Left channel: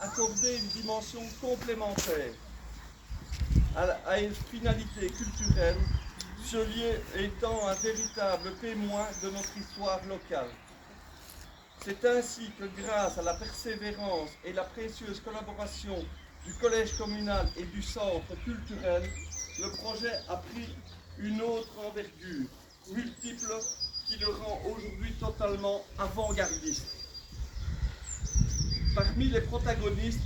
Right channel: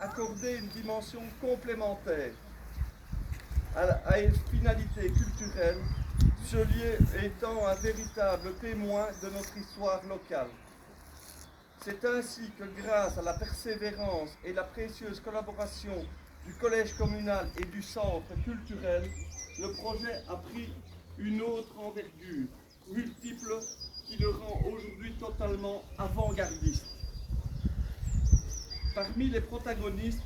accorder une dimension complémentaire à une finalité culturelle, ce lieu étant un véritable témoin de notre histoire locale. C'est ainsi que grâce à la persévérance et la précieuse collaboration du collège communal et du centre culturel, le projet a pris une autre envergure, multiple, qui le rend aujourd'hui totalement avant-gardiste. Parmi les protagonistes,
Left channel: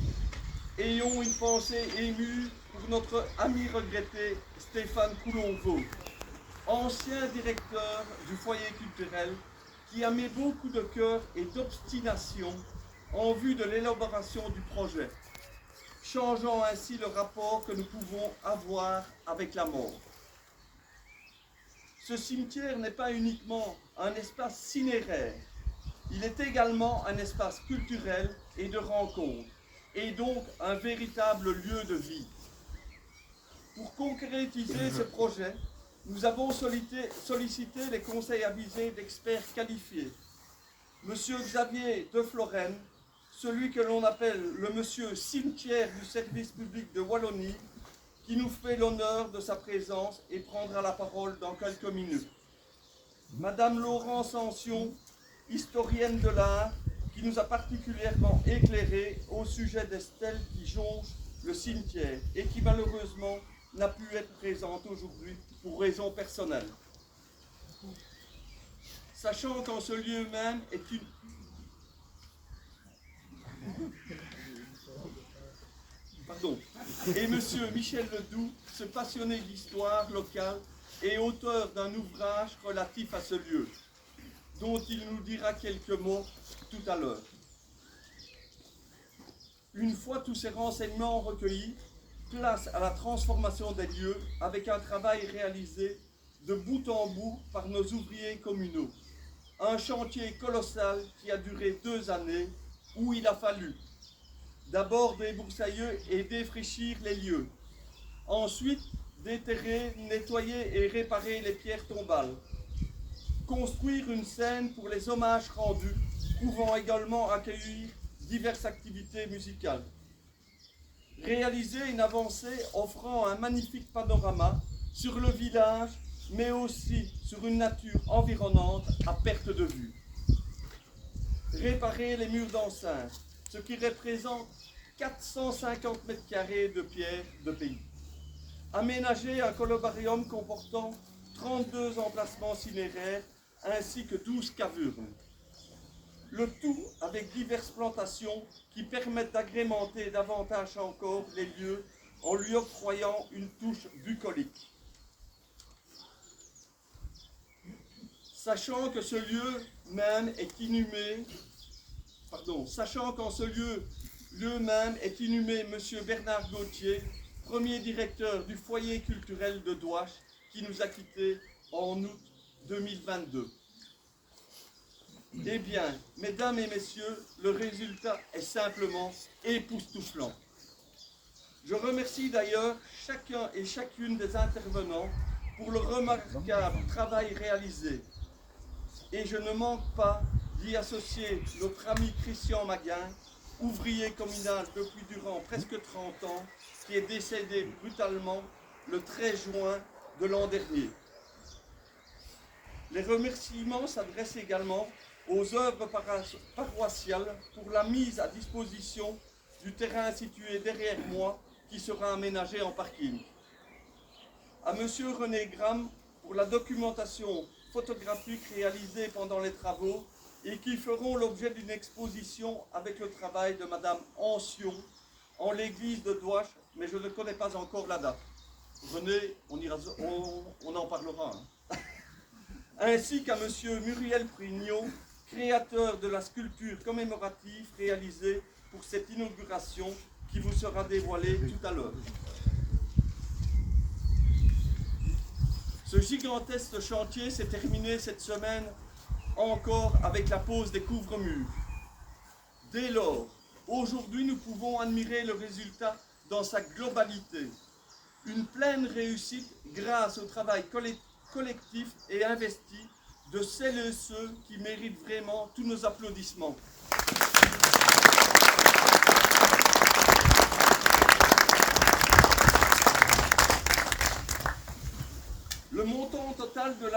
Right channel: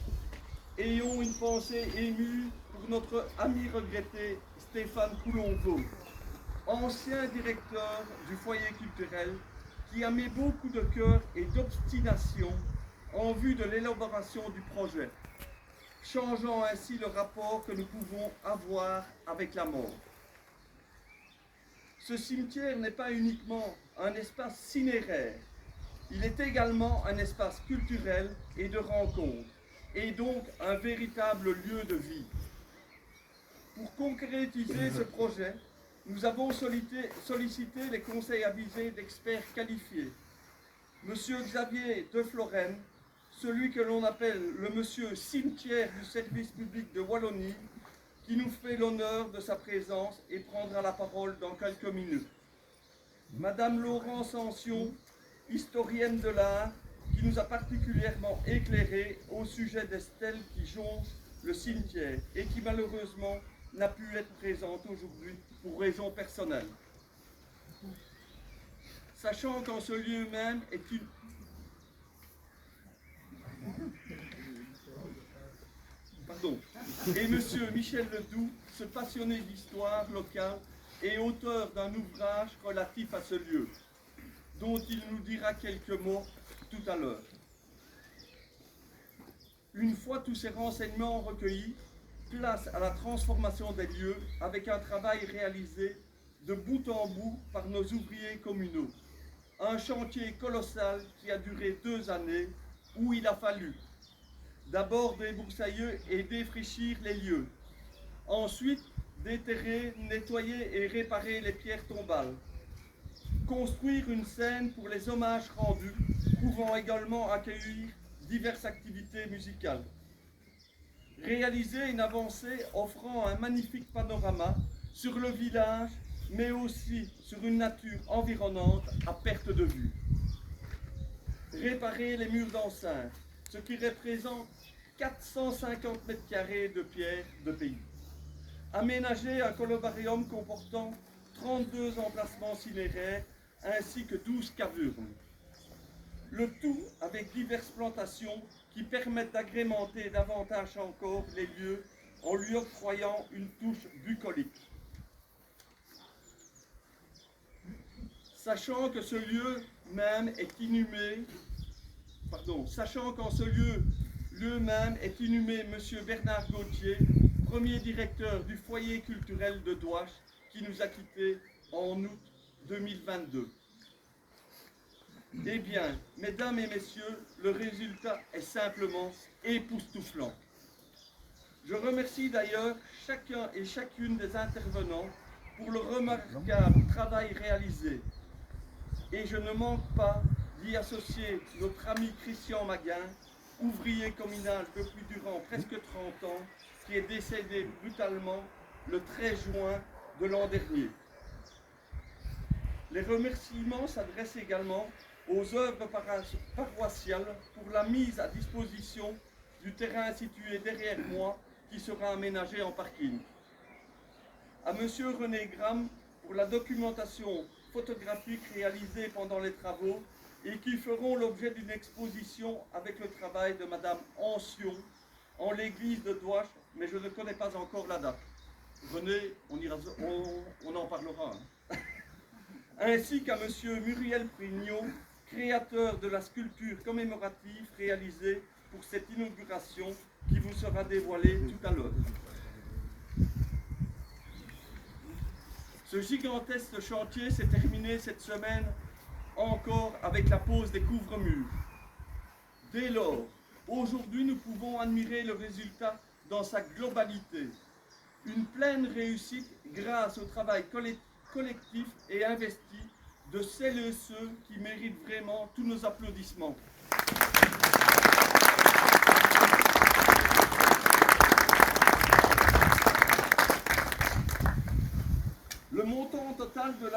ayons une pensée émue pour notre ami regretté Stéphane Coulonvaux, ancien directeur du foyer culturel, qui a mis beaucoup de cœur et d'obstination en vue de l'élaboration du projet, changeant ainsi le rapport que nous pouvons avoir avec la mort. Ce cimetière n'est pas uniquement un espace cinéraire, il est également un espace culturel et de rencontre, et donc un véritable lieu de vie. Pour concrétiser ce projet, nous avons sollicité les conseils avisés d'experts qualifiés. Monsieur Xavier de Florenne, celui que l'on appelle le monsieur cimetière du service public de Wallonie, qui nous fait l'honneur de sa présence et prendra la parole dans quelques minutes. Madame Laurence Ancion, historienne de l'art, qui nous a particulièrement éclairé au sujet des stèles qui jonchent le cimetière et qui malheureusement n'a pu être présente aujourd'hui pour raisons personnelles. Sachant qu'en ce lieu même est une... Pardon. Et monsieur Michel Ledoux, ce passionné d'histoire locale et auteur d'un ouvrage relatif à ce lieu, dont il nous dira quelques mots tout à l'heure. Une fois tous ces renseignements recueillis, place à la transformation des lieux avec un travail réalisé de bout en bout par nos ouvriers communaux. Un chantier colossal qui a duré 2 années où il a fallu d'abord débroussailler et défraîchir les lieux, ensuite déterrer, nettoyer et réparer les pierres tombales, construire une scène pour les hommages rendus, pouvant également accueillir diverses activités musicales, réaliser une avancée offrant un magnifique panorama sur le village, mais aussi sur une nature environnante à perte de vue, réparer les murs d'enceinte, ce qui représente 450 mètres carrés de pierre de pays, aménager un columbarium comportant 32 emplacements cinéraires ainsi que 12 cavurnes. Le tout avec diverses plantations qui permettent d'agrémenter davantage encore les lieux en lui octroyant une touche bucolique. Sachant que ce lieu même est inhumé, sachant qu'en ce lieu même est inhumé M. Bernard Gauthier, premier directeur du foyer culturel de Douache, qui nous a quittés en août 2022. Eh bien, mesdames et messieurs, le résultat est simplement époustouflant. Je remercie d'ailleurs chacun et chacune des intervenants pour le remarquable travail réalisé. Et je ne manque pas d'y associer notre ami Christian Maguin, ouvrier communal depuis durant presque 30 ans, qui est décédé brutalement le 13 juin de l'an dernier. Les remerciements s'adressent également aux œuvres paroissiales pour la mise à disposition du terrain situé derrière moi qui sera aménagé en parking. À M. René Gram pour la documentation photographique réalisée pendant les travaux et qui feront l'objet d'une exposition avec le travail de Mme Ancion en l'église de Douache, mais je ne connais pas encore la date. René, on en parlera. Ainsi qu'à M. Muriel Prignot, créateur de la sculpture commémorative réalisée pour cette inauguration qui vous sera dévoilée tout à l'heure. Ce gigantesque chantier s'est terminé cette semaine encore avec la pose des couvre-murs. Dès lors, aujourd'hui, nous pouvons admirer le résultat dans sa globalité. Une pleine réussite grâce au travail collectif et investi de celles et ceux qui méritent vraiment tous nos applaudissements.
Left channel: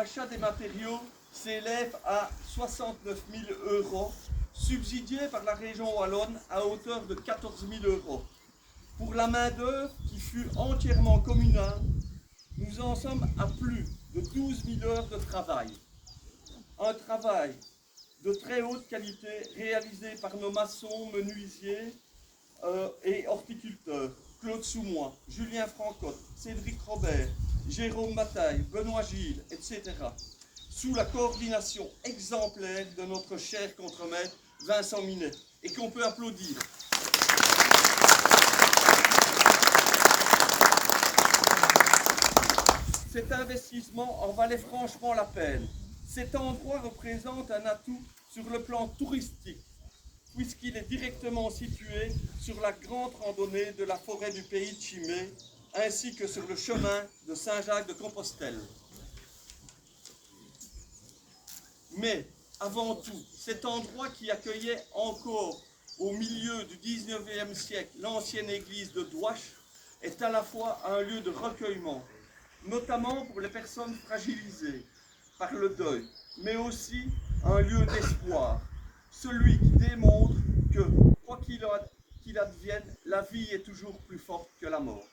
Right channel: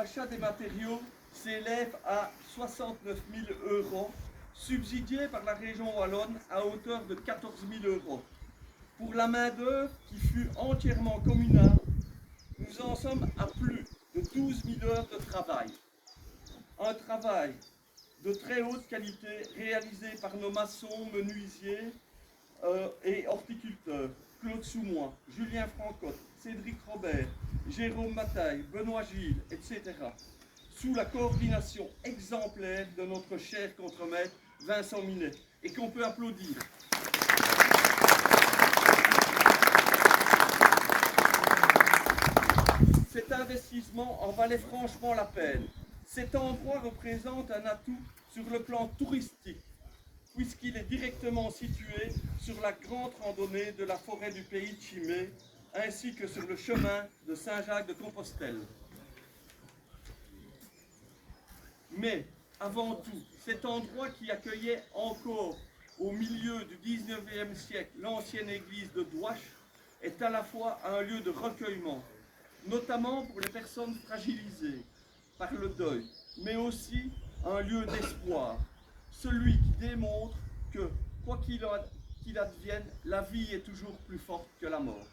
l'achat des matériaux s'élève à 69 000 €, subsidiés par la région wallonne à hauteur de 14 000 €. Pour la main-d'œuvre qui fut entièrement communale, nous en sommes à plus de 12 000 heures de travail. Un travail de très haute qualité réalisé par nos maçons, menuisiers et horticulteurs, Claude Soumois, Julien Francotte, Cédric Robert, Jérôme Bataille, Benoît Gilles, etc., sous la coordination exemplaire de notre cher contremaître Vincent Minet, et qu'on peut applaudir. Cet investissement en valait franchement la peine. Cet endroit représente un atout sur le plan touristique, puisqu'il est directement situé sur la grande randonnée de la forêt du pays de Chimay, ainsi que sur le chemin de Saint-Jacques-de-Compostelle. Mais, avant tout, cet endroit qui accueillait encore au milieu du 19e siècle l'ancienne église de Douache est à la fois un lieu de recueillement, notamment pour les personnes fragilisées par le deuil, mais aussi un lieu d'espoir, celui qui démontre que, quoi qu'il advienne, la vie est toujours plus forte que la mort.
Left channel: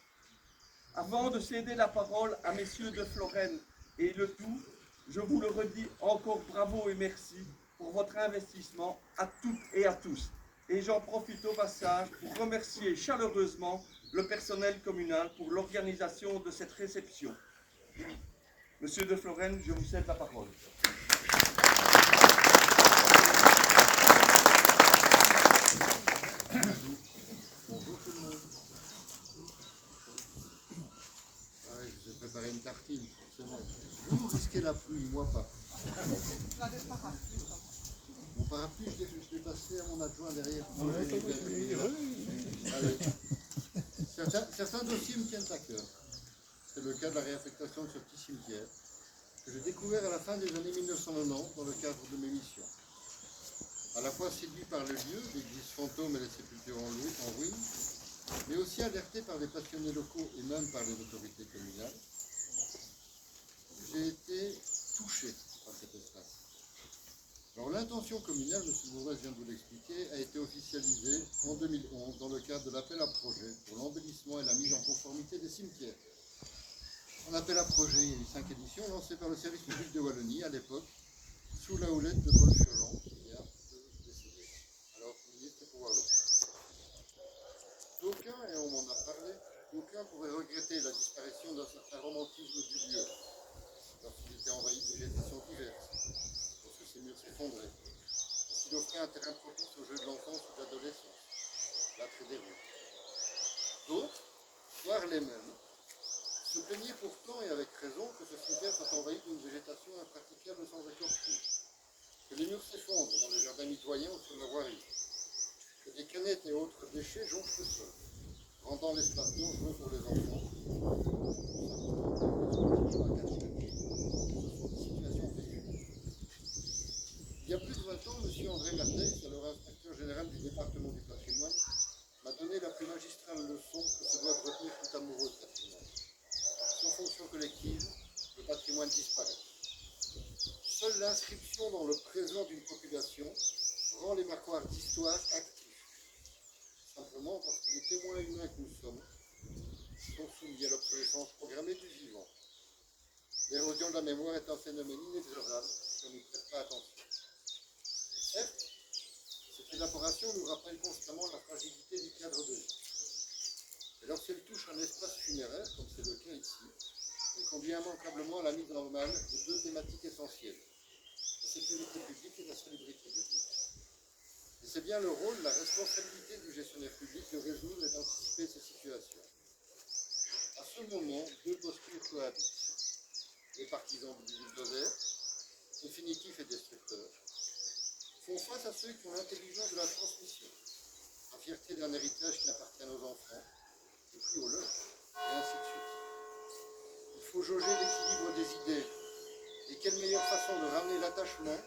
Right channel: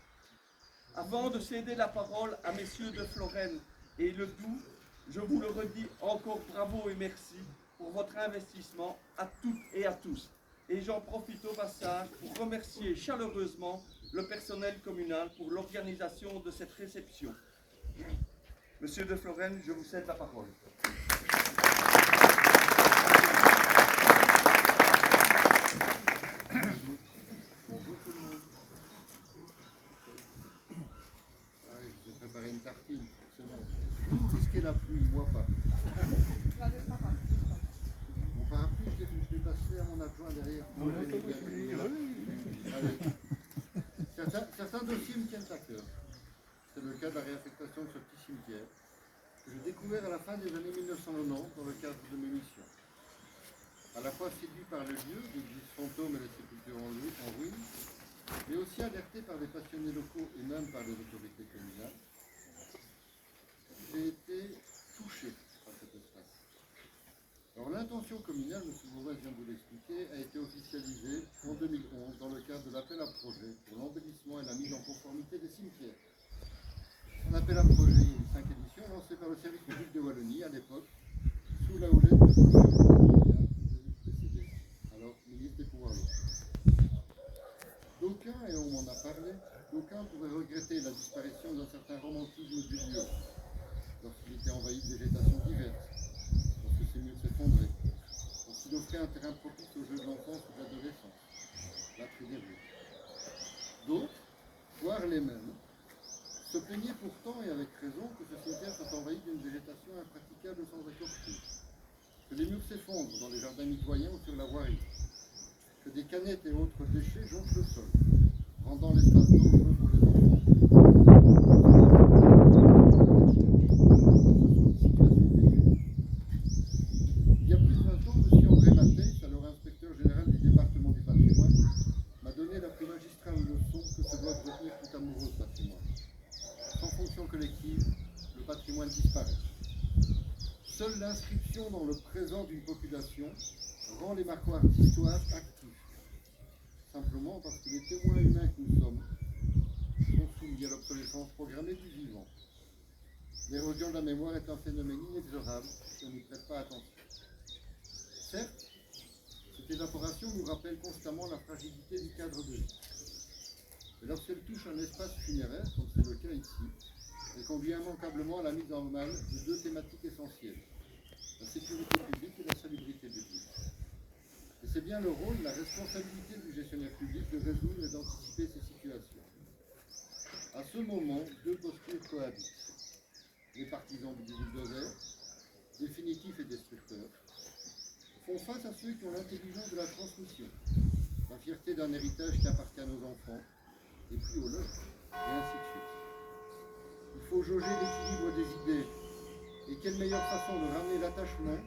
Avant de céder la parole à messieurs de Florenne et Le Doux, je vous le redis encore bravo et merci pour votre investissement à toutes et à tous. Et j'en profite au passage pour remercier chaleureusement le personnel communal pour l'organisation de cette réception. Monsieur de Florenne, je vous cède la parole. Bonjour tout le monde. Je vais préparer une tartine, forcément. Vous risquez la pluie, moi pas. Mon parapluie, je l'ai passé à mon adjoint derrière. Allez. Certains dossiers me tiennent à cœur. C'est le cas de la réaffectation de ce petit cimetière que j'ai découvert à la fin des années 1990 dans le cadre de mes missions. À la fois séduit par le lieu, l'église fantôme et la sépulture en ruine, mais aussi alerté par des passionnés locaux et même par les autorités communales, j'ai été touché par cet espace. Alors l'intention communale, M. Bourrez vient de vous l'expliquer, a été officialisée en 2011 dans le cadre de l'appel à projet pour l'embellissement et la mise en conformité des cimetières. Un appel à projet, il y a eu 5 éditions, lancé par le service public de Wallonie à l'époque, sous la houlette de Paul Furlan, qui a précédé. Alors, ministre des Pouvoirs locaux. D'aucuns, et on m'en a parlé, d'aucuns pourraient regretter la disparition d'un certain romantisme du lieu, lorsqu'il était envahi de végétation diverse, lorsque ses murs s'effondraient, lorsqu'il offrait un terrain propice aux jeux de l'enfance ou de l'adolescence, l'attrait des rues. D'autres, voire les mêmes, se plaignaient pourtant, et avec raison, que ce cimetière soit envahi d'une végétation impraticable sans écorcher, que les murs s'effondrent dans les jardins mitoyens ou sur la voirie, que des canettes et autres déchets jonchent le sol, rendant l'espace dangereux pour les enfants. Il y a plus de 20 ans, M. André Matheis, alors inspecteur général du département du patrimoine, m'a donné la plus magistrale leçon que se doit retenir tout amoureux de patrimoine. Sans fonction collective, le patrimoine disparaît. Seule l'inscription dans le présent d'une population rend les marquoirs d'histoire actifs. Simplement parce que les témoins humains que nous sommes sont soumis à l'obsolescence programmée du vivant. L'érosion de la mémoire est un phénomène inexorable si on n'y prête pas attention. Certes, cette évaporation nous rappelle constamment la fragilité du cadre de vie. Et lorsqu'elle touche un espace funéraire, comme c'est le cas ici, elle conduit immanquablement à la mise en mal de 2 thématiques essentielles, la sécurité publique et la salubrité publique. Et c'est bien le rôle, la responsabilité du gestionnaire public de résoudre et d'anticiper ces situations. À ce moment, 2 postures cohabitent. Les partisans du bulldozer, définitifs et destructeurs, font face à ceux qui ont l'intelligence de la transmission, la fierté d'un héritage qui appartient à nos enfants, et puis aux leurs, et ainsi de suite. Il faut jauger l'équilibre des idées, et quelle meilleure façon de ramener l'attachement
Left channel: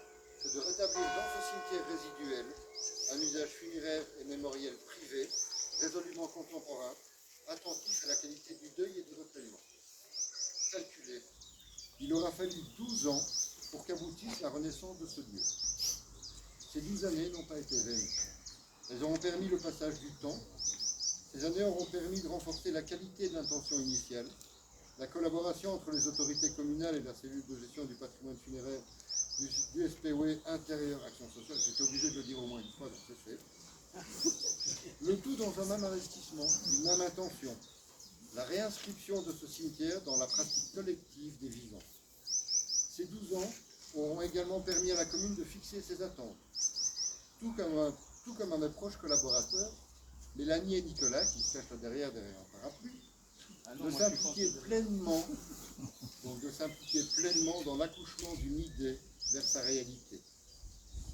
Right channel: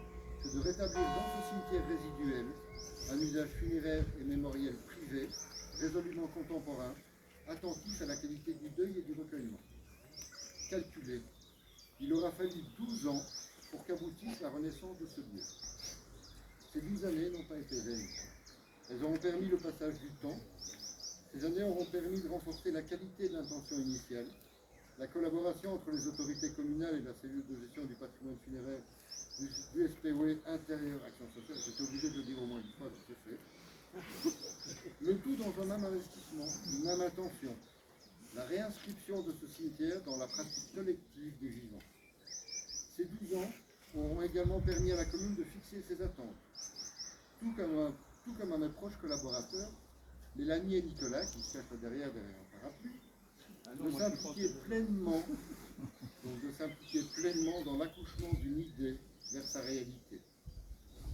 que de rétablir dans ce cimetière résiduel un usage funéraire et mémoriel privé, résolument contemporain, attentif à la qualité du deuil et du recueillement. Calculé, Il aura fallu 12 ans pour qu'aboutisse la renaissance de ce lieu. Ces 12 années n'ont pas été vaines. Elles auront permis le passage du temps. Ces années auront permis de renforcer la qualité de l'intention initiale, la collaboration entre les autorités communales et la cellule de gestion du patrimoine funéraire du SPOE Intérieur Action Sociale. J'étais obligé de le dire au moins une fois, donc c'est fait. Le tout dans un même investissement, une même intention. La réinscription de ce cimetière dans la pratique collective des vivants. Ces 12 ans auront également permis à la commune de fixer ses attentes. Tout comme à mes proches collaborateurs, Mélanie et Nicolas, qui se cachent derrière un parapluie, de s'impliquer pleinement dans l'accouchement d'une idée vers sa réalité.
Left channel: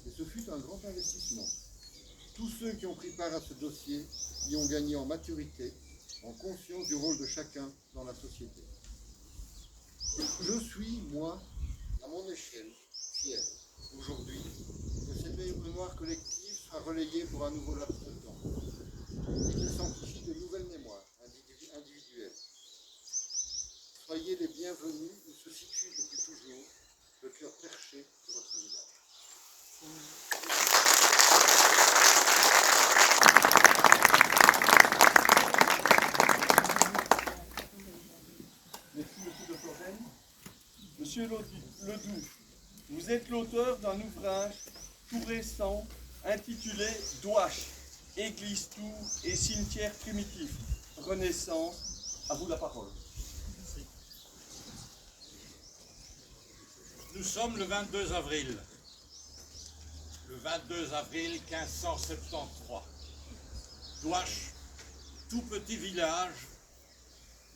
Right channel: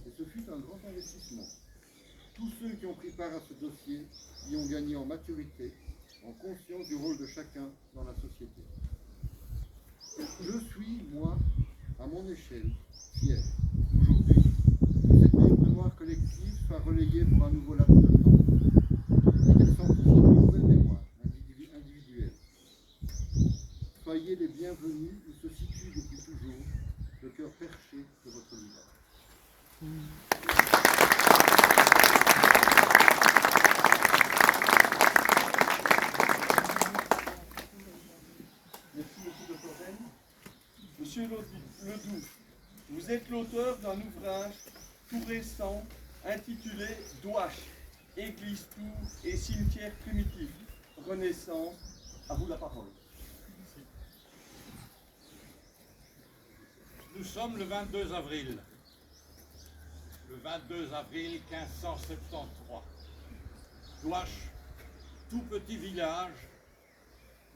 Et ce fut un grand investissement. Tous ceux qui ont pris part à ce dossier y ont gagné en maturité, en conscience du rôle de chacun dans la société. Je suis, moi, à mon échelle, fier, aujourd'hui, que cette mémoire collective soit relayée pour un nouveau laps de temps, et qu'elle s'amplifie de nouvelles mémoires individuelles. Soyez les bienvenus où se situe depuis toujours le cœur perché de votre village. Monsieur Ledoux, vous êtes l'auteur d'un ouvrage tout récent intitulé « Douache, église, tour et cimetière primitif, Renaissance ». À vous la parole. Nous sommes le 22 avril. Le 22 avril 1573. Douache, tout petit village,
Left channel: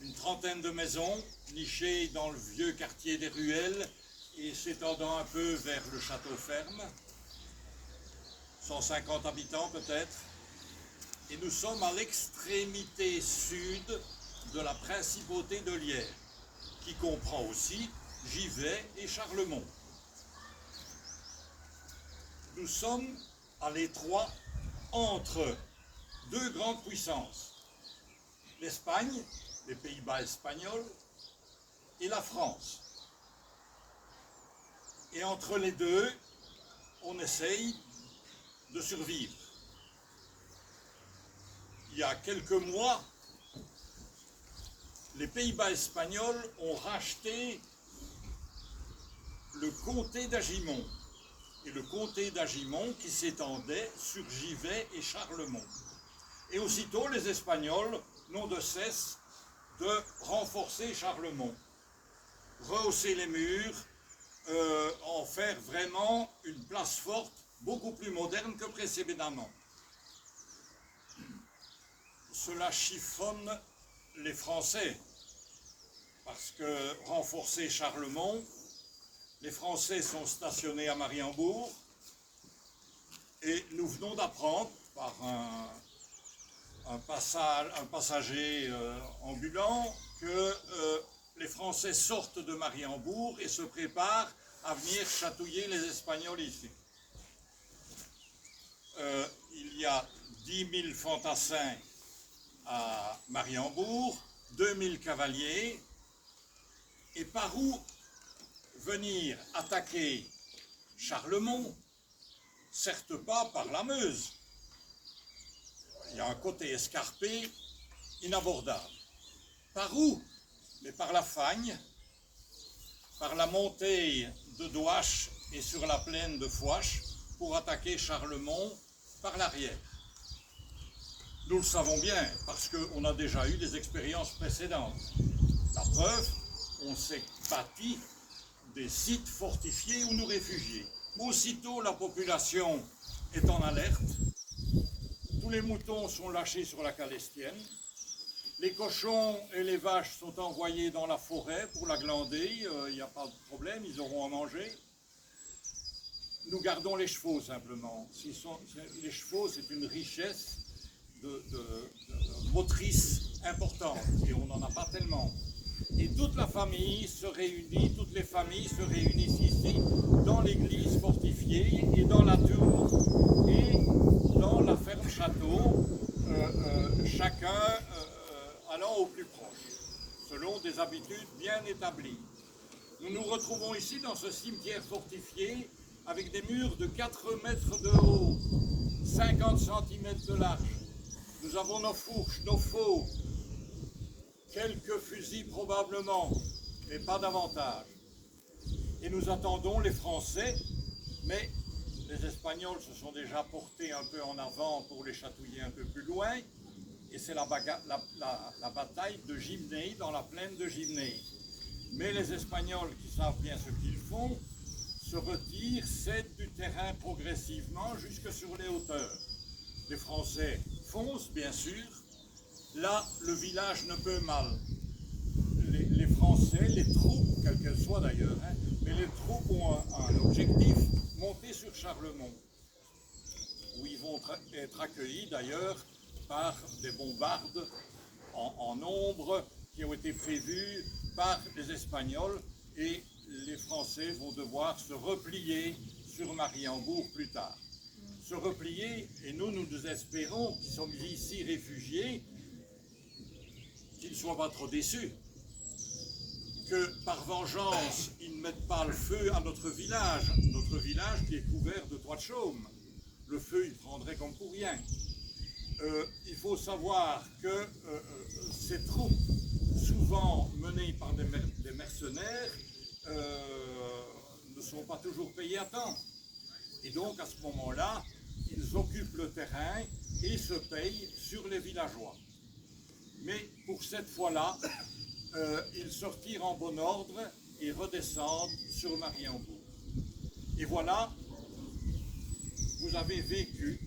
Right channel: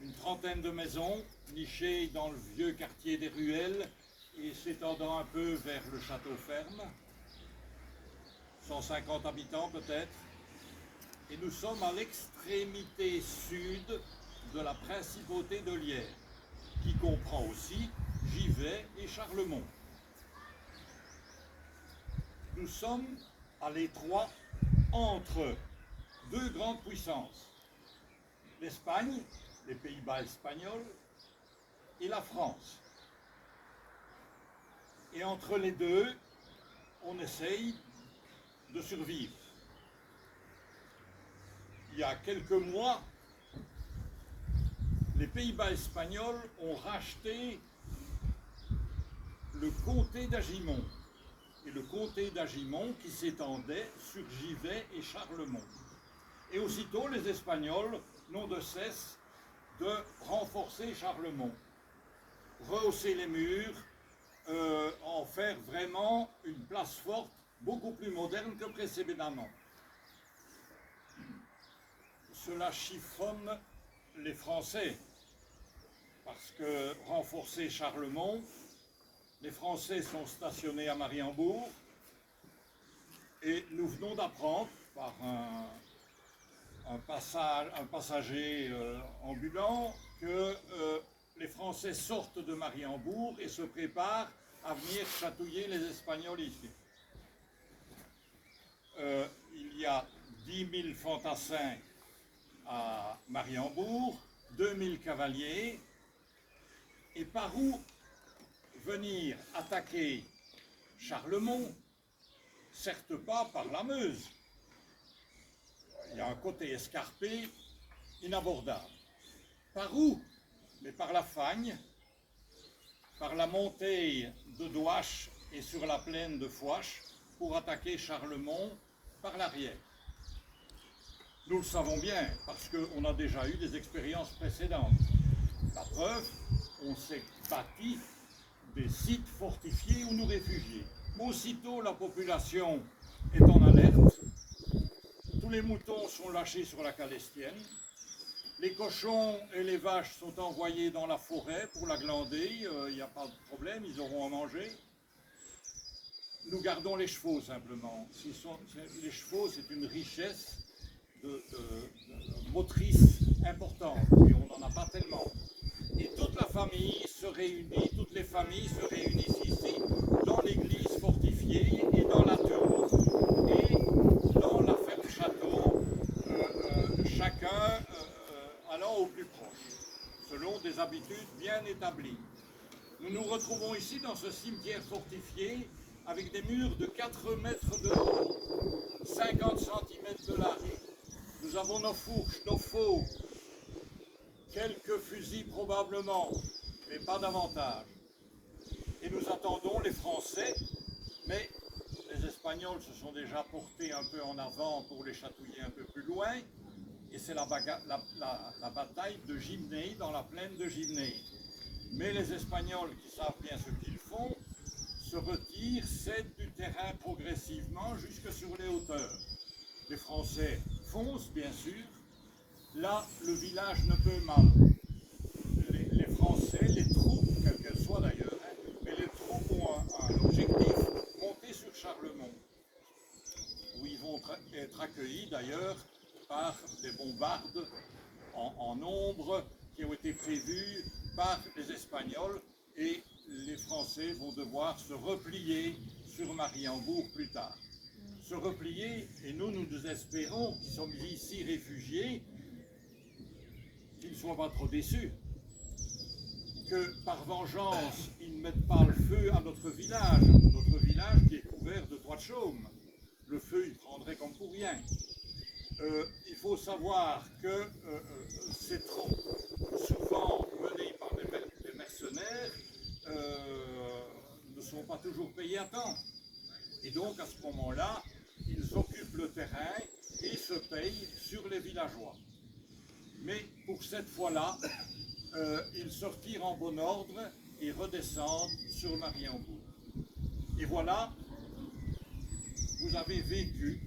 une trentaine de maisons, nichées dans le vieux quartier des Ruelles et s'étendant un peu vers le château ferme. 150 habitants peut-être. Et nous sommes à l'extrémité sud de la principauté de Lierre, qui comprend aussi Givet et Charlemont. Nous sommes à l'étroit entre deux grandes puissances, l'Espagne, les Pays-Bas espagnols, et la France. Et entre les deux, on essaye de survivre. Il y a quelques mois, les Pays-Bas espagnols ont racheté le comté d'Agimont. Et le comté d'Agimont qui s'étendait sur Givet et Charlemont. Et aussitôt, les Espagnols n'ont de cesse de renforcer Charlemont, rehausser les murs, en faire vraiment une place forte, beaucoup plus moderne que précédemment. Cela chiffonne les Français, parce que renforcer Charlemont, les Français sont stationnés à Mariembourg, et nous venons d'apprendre par un passager ambulant que les Français sortent de Mariembourg et se préparent à venir chatouiller les Espagnols ici. Il y a 10 000 fantassins à Mariembourg, 2 000 cavaliers, et par où venir attaquer Charlemont? Certes pas par la Meuse. Il y a un côté escarpé, inabordable. Par où? Mais par la Fagne, par la montée de Douache et sur la plaine de Fouache, pour attaquer Charlemont par l'arrière. Nous le savons bien, parce qu'on a déjà eu des expériences précédentes. La preuve, on s'est bâti des sites fortifiés où nous réfugier. Aussitôt la population est en alerte, tous les moutons sont lâchés sur la Calestienne, les cochons et les vaches sont envoyés dans la forêt pour la glander, il n'y a pas de problème, ils auront à manger. Nous gardons les chevaux simplement. Les chevaux, c'est une richesse de motrice importante et on n'en a pas tellement. Et toute la famille se réunit, toutes les familles se réunissent ici, dans l'église fortifiée et dans la tour et dans la ferme-château, chacun allant au plus proche, selon des habitudes bien établies. Nous nous retrouvons ici dans ce cimetière fortifié avec des murs de 4 mètres de haut, 50 cm de large. Nous avons nos fourches, nos faux, quelques fusils probablement, mais pas davantage. Et nous attendons les Français, mais les Espagnols se sont déjà portés un peu en avant pour les chatouiller un peu plus loin. Et c'est la bataille de Gimnée, dans la plaine de Gimnée. Mais les Espagnols, qui savent bien ce qu'ils font, se retirent, cèdent du terrain progressivement jusque sur les hauteurs. Les Français foncent, bien sûr. Là, le village ne peut mal. Les Français, les troupes, quelles qu'elles soient d'ailleurs, mais les troupes ont un objectif, monter sur Charlemont, où ils vont être accueillis d'ailleurs par des bombardes en nombre qui ont été prévues par les Espagnols, et les Français vont devoir se replier sur Mariembourg plus tard. Se replier, et nous espérons, qui sommes ici réfugiés, qu'ils ne soient pas trop déçus, que par vengeance, ils ne mettent pas le feu à notre village qui est couvert de toits de chaume. Le feu, il prendrait comme pour rien. Il faut savoir que ces troupes, souvent menées par des mercenaires, ne sont pas toujours payées à temps. Et donc, à ce moment-là, ils occupent le terrain et se payent sur les villageois. Mais pour cette fois-là, ils sortirent en bon ordre et redescendent sur Mariembourg. Et voilà, vous avez vécu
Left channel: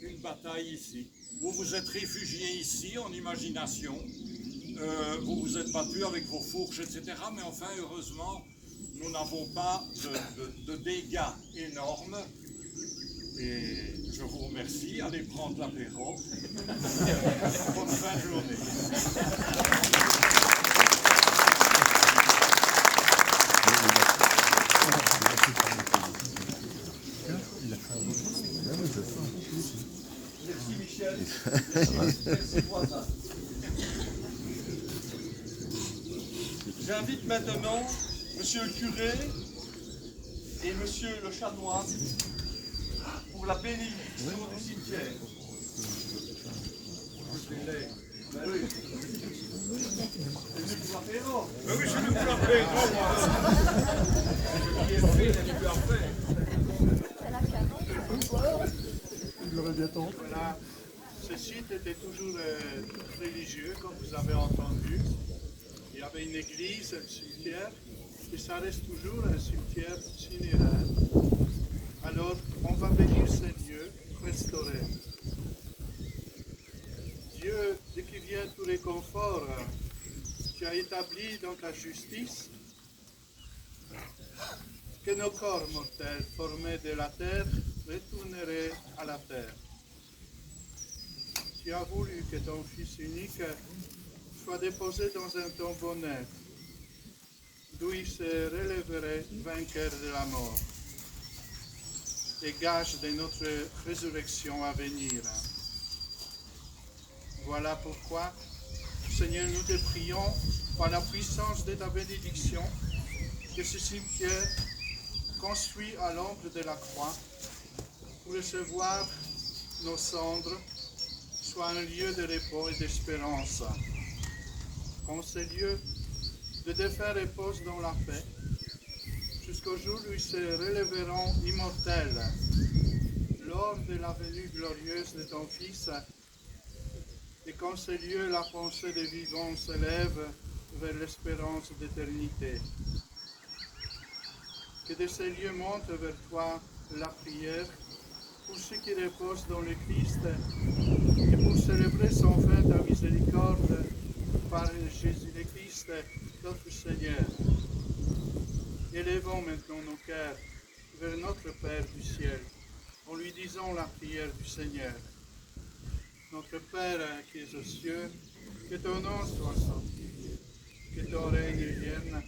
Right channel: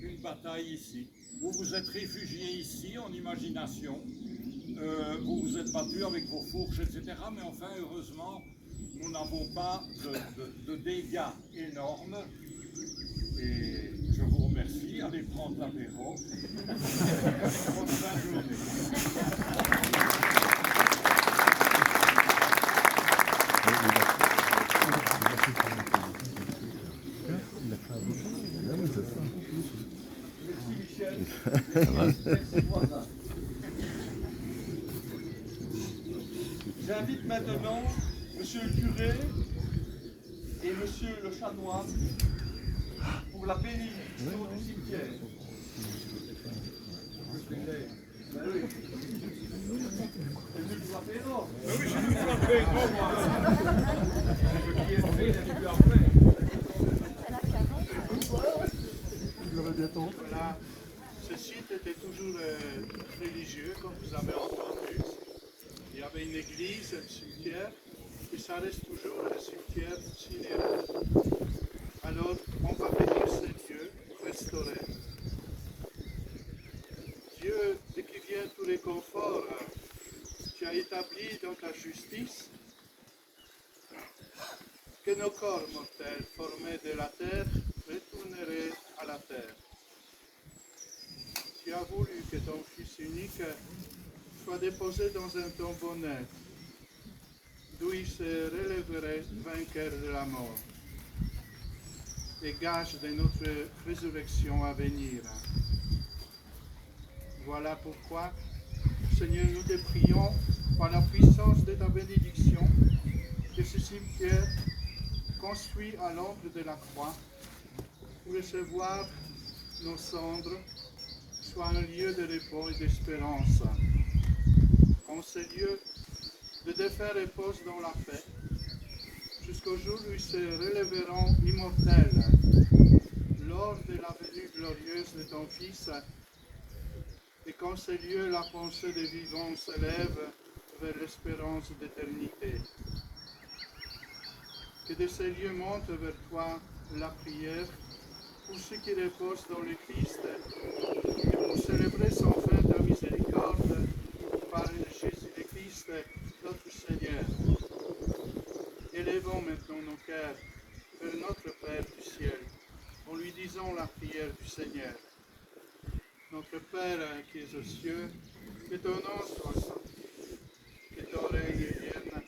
une bataille ici. Vous vous êtes réfugiés ici en imagination. Vous vous êtes battus avec vos fourches, etc. Mais enfin, heureusement, nous n'avons pas de dégâts énormes. Et je vous remercie. Allez prendre l'apéro. Bonne fin de journée. Merci Michel. Merci voisin. J'invite maintenant Monsieur le curé et Monsieur le chanoine pour la bénédiction du cimetière. Ben oui. C'est venu pour l'apéro. Ben oui, je suis venu pour l'apéro, moi. Ce qui est fait n'est plus à faire. Voilà, ce site était toujours religieux, comme vous avez entendu. Il y avait une église, un cimetière, et ça reste toujours un cimetière funéraire. Alors, on va venir ce lieu restaurer. Dieu, de qui vient tout réconfort, tu as établi dans ta justice que nos corps mortels formés de la terre retourneraient à la terre. Tu as voulu que ton Fils unique soit déposé dans un tombeau neuf, d'où il se relèverait vainqueur de la mort, et gage de notre résurrection à venir. Voilà pourquoi, Seigneur, nous te prions, par la puissance de ta bénédiction, que ce cimetière, construit à l'ombre de la croix, pour recevoir nos cendres, soit un lieu de repos et d'espérance. En ce lieu, de défunts reposent dans la paix, jusqu'au jour où ils se relèveront immortels, lors de la venue glorieuse de ton Fils, et qu'en ce lieu, la pensée des vivants s'élève vers l'espérance d'éternité. Que de ces lieux monte vers toi la prière pour ceux qui reposent dans le Christ et pour célébrer sans fin ta miséricorde par Jésus le Christ, notre Seigneur. Élevons maintenant nos cœurs vers notre Père du ciel en lui disant la prière du Seigneur. Notre Père qui es aux cieux, que ton nom soit sanctifié, que ton règne vienne,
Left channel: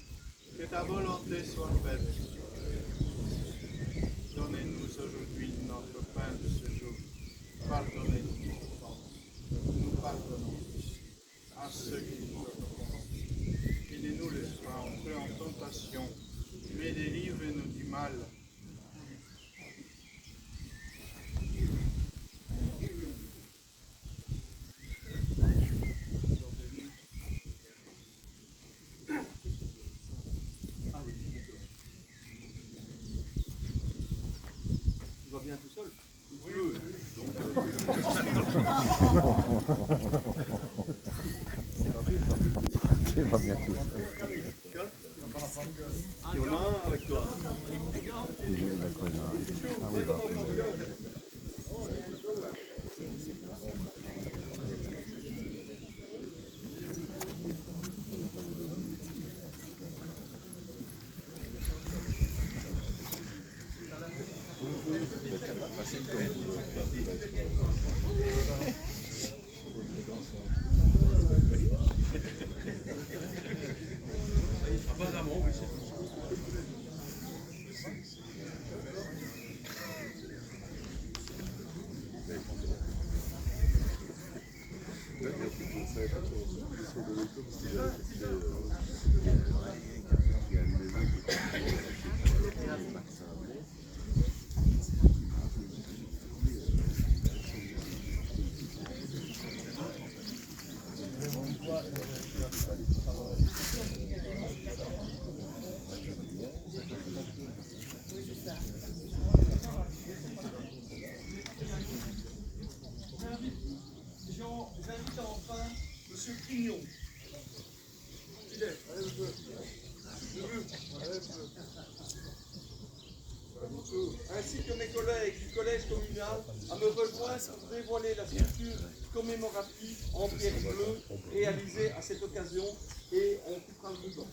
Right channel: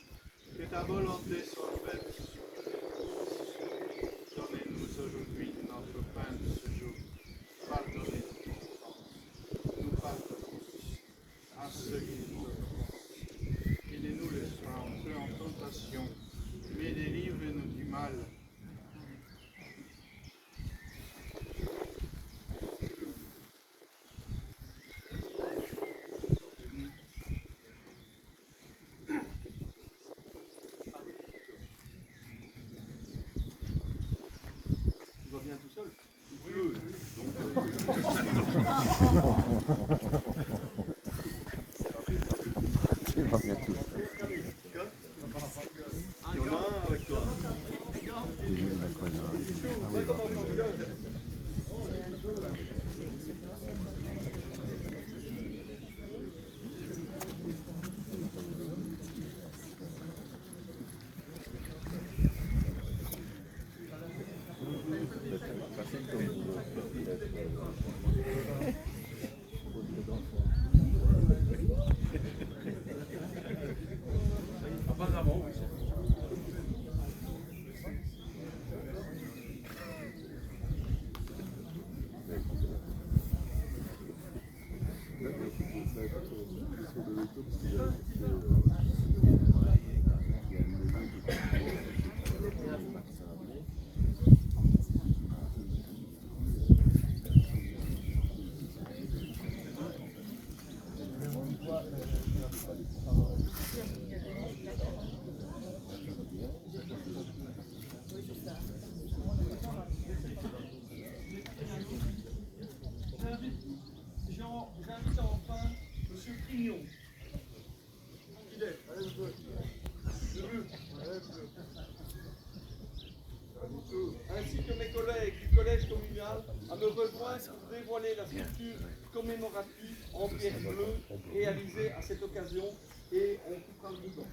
que ta volonté soit faite. Donnez-nous aujourd'hui notre pain de ce jour. Pardonnez-nous nos offenses. Nous pardonnons à ceux qui nous offensent. Et ne nous laisse pas entrer en tentation, J'invite enfin M. Prignon. Il est. Ainsi que mes collègues du collège communal à me rejoindre pour dévoiler la sculpture commémorative en pierre bleue réalisée à cette occasion et on coupera le ruban.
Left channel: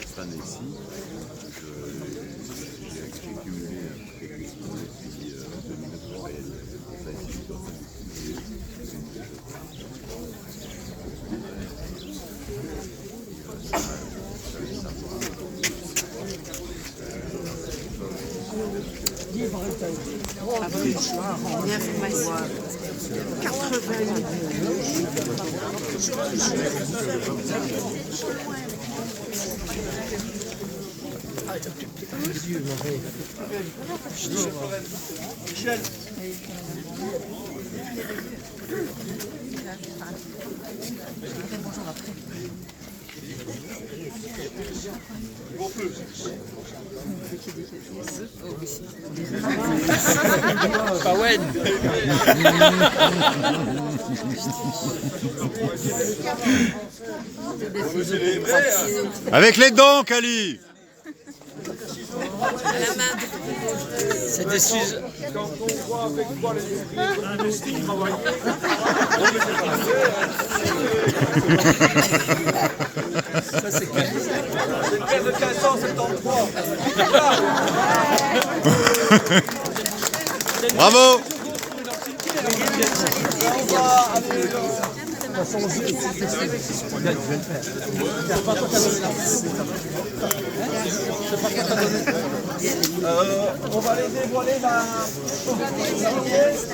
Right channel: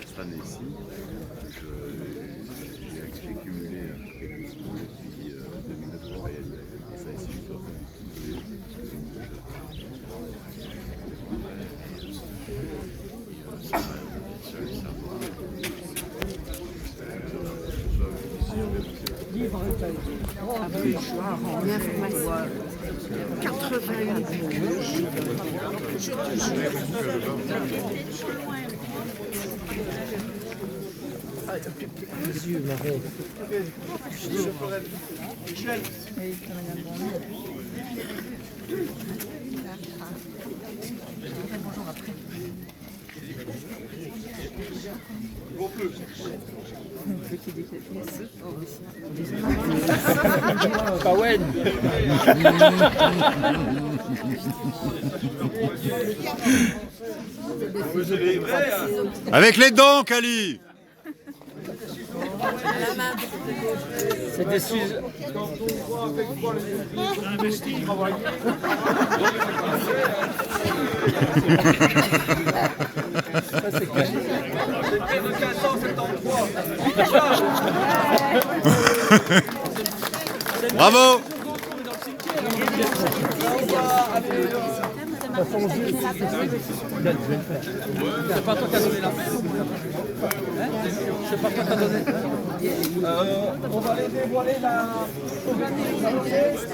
Cette année-ci, j'ai cumulé quelques jours et puis de me revoir Michel. Bon peu. avec les dents, Cali. C'est des sujets. Quand on voit avec quoi les ouvriers ont investi, travaillé, C'est une paire de 1573. Bravo. On va aller... on va aller dévoiler la pièce.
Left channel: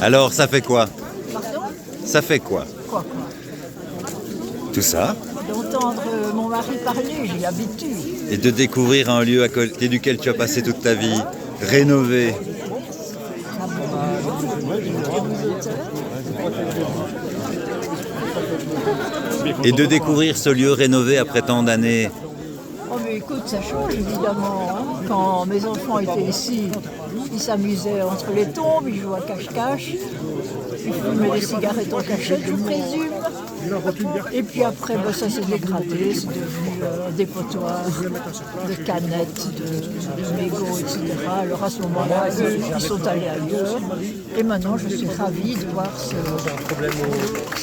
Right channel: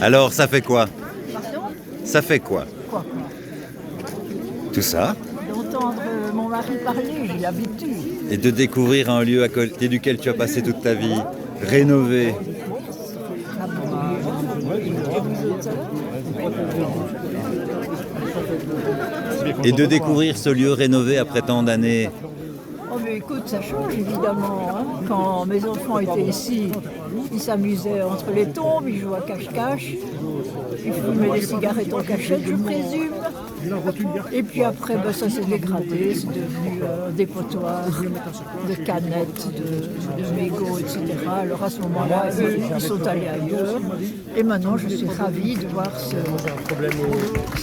Alors, ça fait quoi? Pardon? Ça fait quoi? Quoi? Tout ça? D'entendre mon mari parler, j'ai l'habitude. Et de découvrir un lieu à côté duquel tu as passé toute ta vie, rénové. Et de découvrir ce lieu rénové après tant d'années. Oh mais écoute, ça change évidemment. Hein. Quand mes enfants étaient ici, ils s'amusaient entre les tombes, ils jouaient à cache-cache. Ils fumaient des cigarettes en cachette, je présume. Et puis après, ben, ça s'est dégradé, c'est devenu un dépotoir de canettes, de mégots, etc. Alors à ce moment-là, eux, ils sont allés ailleurs. Et maintenant, je suis ravie de voir ce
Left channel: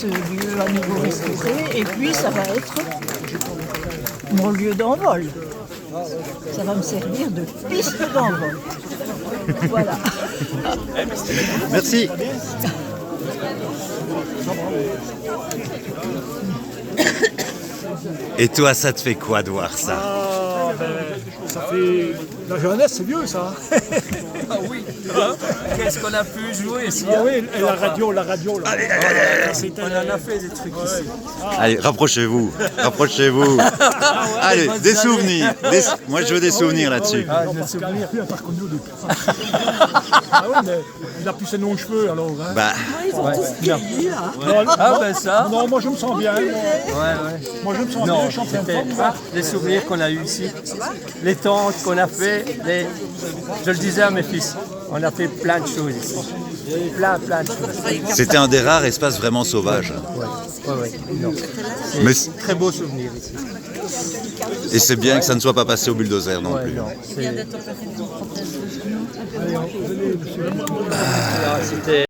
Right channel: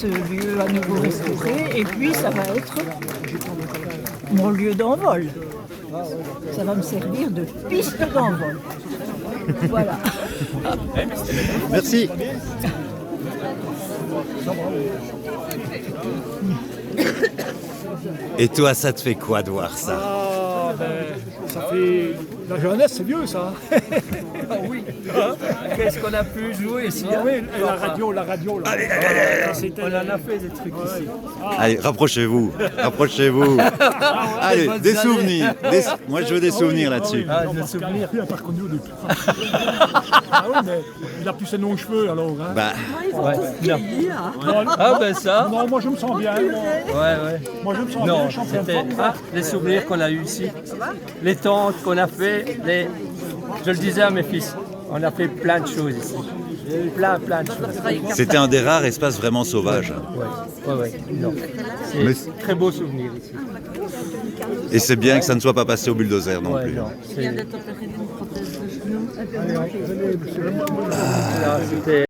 lieu à nouveau restauré. Et puis, ça va être mon lieu d'envol. Ça va me servir de piste d'envol. Voilà. Merci. Et toi, ça te fait quoi de voir ça? Ah, ben, ça fait... La jeunesse, c'est vieux, ça. Ah oui, qu'est-ce qu'on a pu jouer ici, Ah oui, et la radio, là. Allez, on en a fait des trucs ici. allez, rapprochez-vous, rapprochez-vous. Allez, des souvenirs. Moi, je veux des souvenirs là-dessus. Non, Pascal, il n'a pas reconnu au début. Ah oui, mais il a plus ses longs cheveux, alors. Hein. Bah, Ah ben ça. Non, moi je me sens bien. Moi je me sens bien, je suis en pleine C'était forme. les souvenirs qu'on a eu ici, les tentes qu'on a fait, je le disais à mes fils, on a fait plein de choses ici, plein de choses. c'était un des rares espaces vraiment sauvages. Oui. C'est Mais- très beau souvenir ici. Et c'est bien que ça ne soit pas passé au bulldozer non Ouais, plus. non, c'était